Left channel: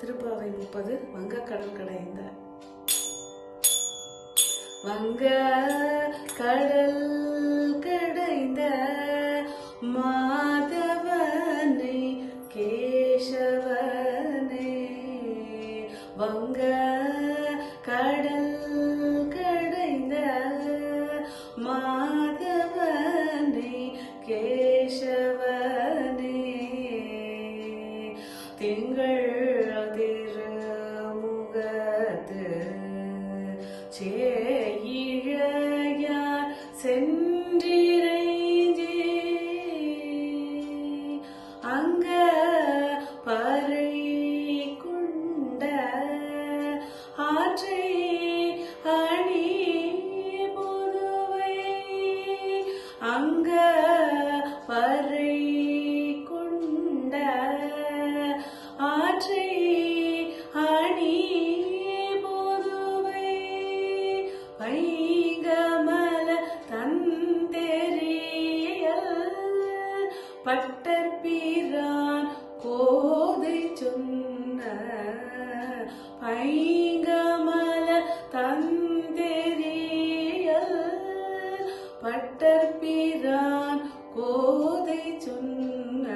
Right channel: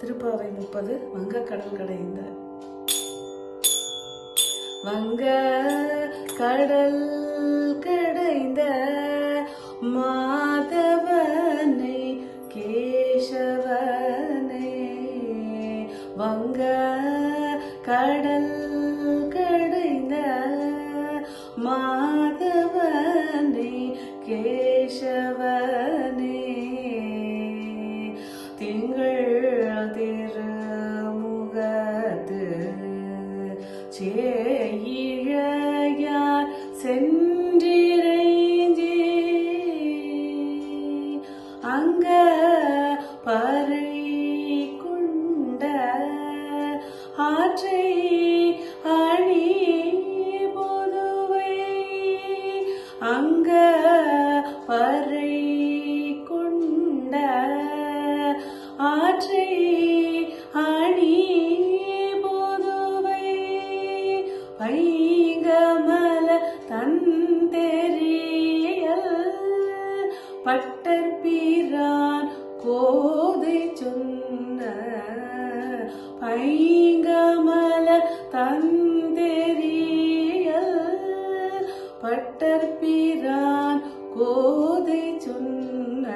திருப்பாவை முப்பது வங்கக்கடல் கடைந்த வங்க கடல் கடைந்த மாதவனை கேசவனே. வங்க கடல் கடைந்த மாதவனை கேசவனே. திங்கள் சேயிழையார் சென்றிரைஞ்சி அங்க பறை குண்ட ஆற்றை அணி புதுவை அங்க பட்டர் பீரான் கோதை சொன்ன பைங்கமல தந்தெறிகள் பட்டர் பீரான் கோதை சொன்ன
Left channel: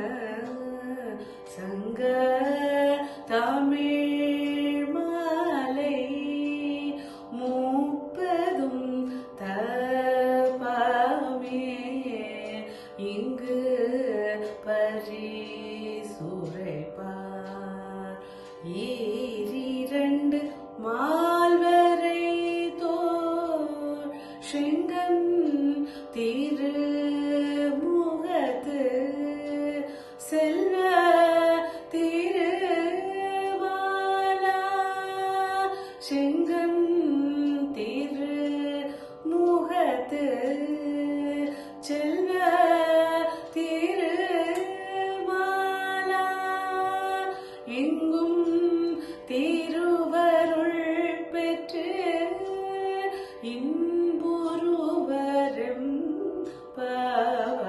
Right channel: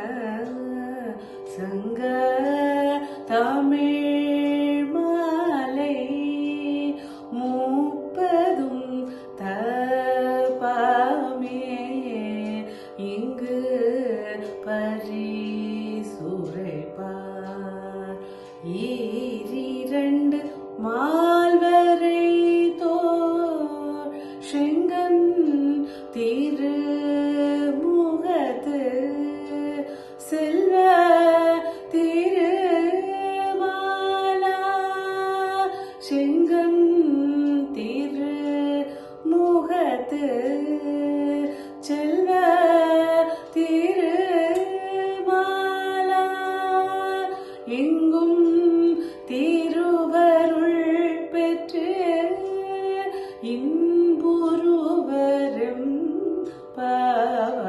சங்க தமிழ் மாலை மூப்பெரும் தபாமே இங்கு Bhadri எங்கும் திருவருள் பெற்று இன்புருவரும் பவ.